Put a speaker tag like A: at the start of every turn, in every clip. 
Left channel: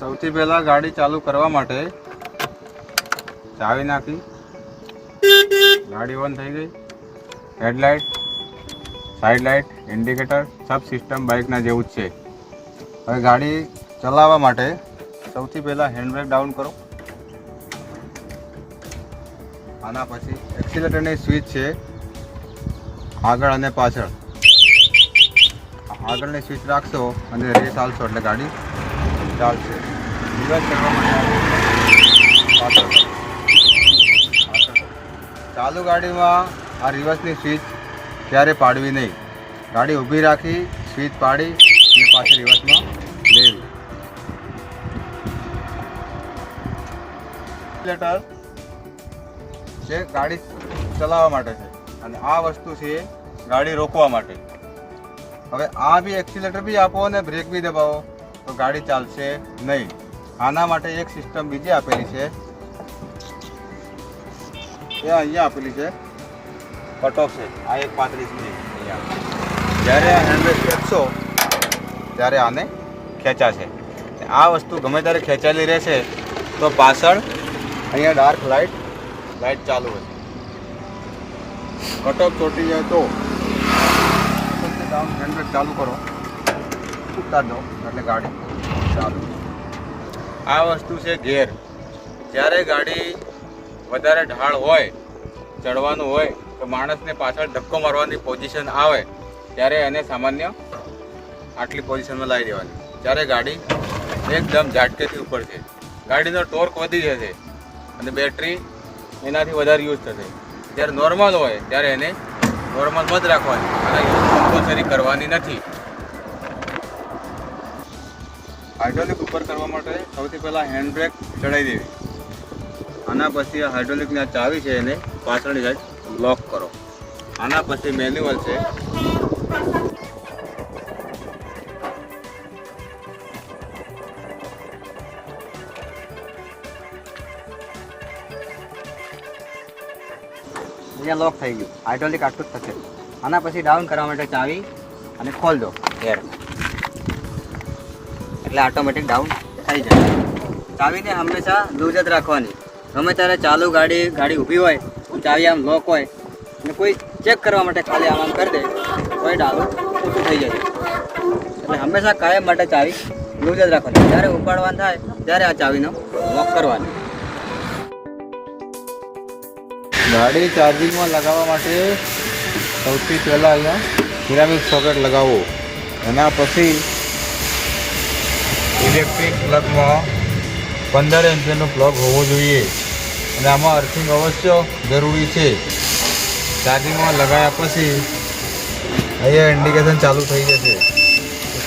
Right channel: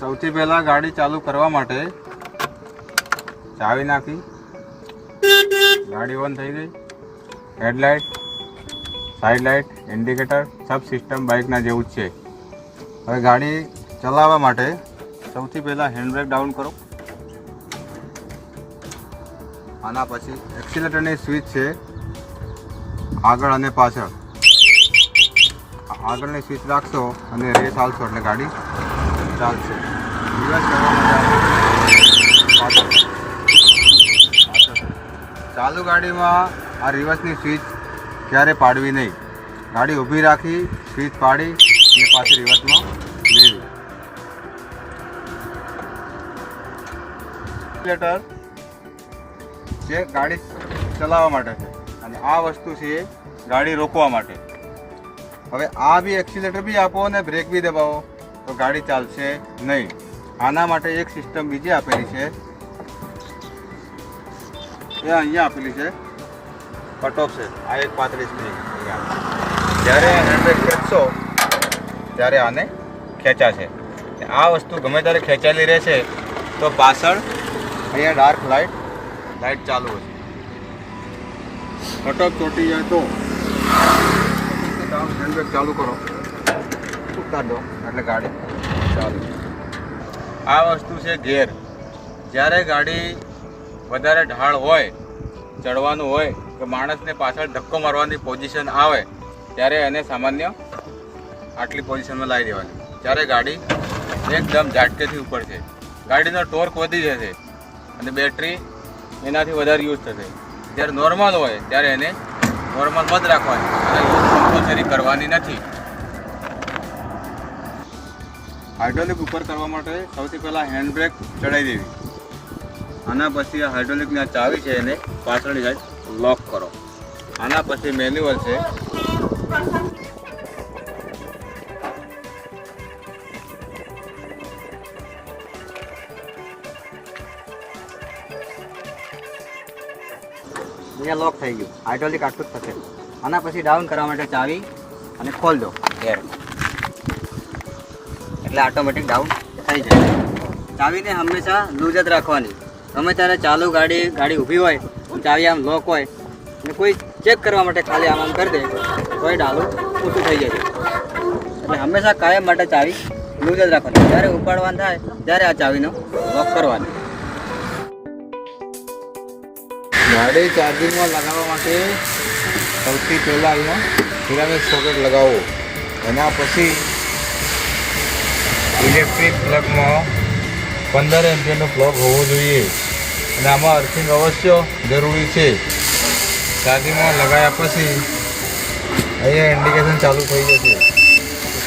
A: સૌથી પહેલા ગાડી ચાલુ કરવા માટે ચાવી નાખી. ગાડી ઓન થઈ ગઈ. હેડલાઇટ સાઈડ લાઇટ ઇન્ડિકેટર સબ સિસ્ટમ બાઇકના જેવું જ છે. હવે ગાડી ચલાવવા માટે સૌથી પહેલાં હેન્ડબ્રેક ડાઉન કરો. આના પછી એક્સિલેટરની સ્વિચ છે. આગળ અને પાછળ. આગળની સ્વિચ રાખશો અને રેસ ચાલશો એટલે ગાડી ચાલશે. ચાલુ ગાડીમાં આ રિવર્સની સ્વિચ ક્યારે પાડવી નહીં? ગાડી ઊભી રાખી સ્વિચ પાડી અને પાછી રિવર્સમાં લેવી જે ગાડી ચલાવવા માટે છે અને આ વસ્તુ છે ગાડી રોકવા માટે. હવે આ બી એક્સિલેટર બી આપો અને બ્રેક બી દબાવો તો ગાડી ચાલશે નહીં. આના માટે એક સિસ્ટમ બીજી આપેલી છે. એ અહીંયા આપેલી છે. કટ ઓફ છે. આ એક પાંત્રીસની જ્યારે આ હેન્ડબ્રેક ખેંચશો, ત્યારે આને ખેંચાશે. આ વસ્તુ ગમે ત્યારે ખેંચાયેલી રહેશે, તો પાછળ અહીંયા ડાર્ક લાઇટ લાઇટ ચાલુ હશે. કટ ઓફ ચોટી જાય તો ચાલુ કરો. ઉતાર એટલે ગાડી ચાલુ. આ વસ્તુ છે ગેર જ્યારે ગાડી વધારે ઢાળ હોય, ચડવાનું હોય, તો માણસને પાછળ ધક્કો મારવાની પોઝિશન આવે, ત્યારે એને સામાન્ય આટલી પોઝિશનમાં લાવી દેવાની. જ્યારે ગાડી એકદમ ઝાટકેથી ઉપર છે. ગાડીનો ટોર્ક વધી જશે અને બેટરી એનાથી વધારે યુઝ થશે. જ્યારે નોર્મલ હોય, ત્યારે એને નોર્મલ બંધ રાખવાની. એને કમ્પલસરી કરવાની નથી. હાઇડ્રોલિક ઉપર કરવા માટે સૌથી પહેલાં હેન્ડ બ્રેક ચડાવી દેવી. આના પછી હાઇડ્રોલિકની આ ચાવી છે એને પાછળની સાઈડ લોક કરો. આના પછી મેન્યુઅલ છે.
B: અહીંયા લોક થઈ ગયું. હાઇડ્રોલિક આટલું જ થશે. આના પછી ડાઉન કરવા માટે ચાવી અને ખોલ દો. એર એટલે ઓટોમેટિક ડાઉન થઈ જાય. ચાવીને હંમેશા લૂઝ જ રાખવાની. ગમે ત્યારે ચાલુ ગાડી ગાડી ઊભી હોય ચાવી આમ લોક હોય, અને કોઈ ચેક કરવા માટે ખાલી આમ કરી દે તો એ ઊભું થઈ જશે એટલે હંમેશા કાયમ માટે ચાવી લૂઝ જ રાખવાની. જ્યારે ઉપાડવાનું થાય, ત્યારે આ ચાવીનો લોક કરવાની.
A: ગાડી ચાર્જિંગમાં લગાવવા માટે સૌથી પહેલાં અહીંયા સિરામિક સોકેટ લગાવો. એના પછી ઇલેક્ટ્રિક પ્લગમાં પંદર એમ્પિયરનું પ્લગ હોવો જોઈએ. અને આમાં અર્થિંગ અવશ્ય જરૂરી છે. ગાડીમાં લગાવ્યા પછી અહીંયા ઇન્ડિકેશન ચાલુ થઈ જશે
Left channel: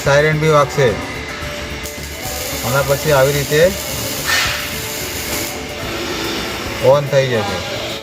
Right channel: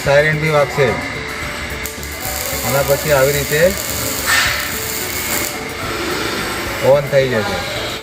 A: સાયરન બી વાગશે આના પછી આવી રીતે ઓન થઈ જશે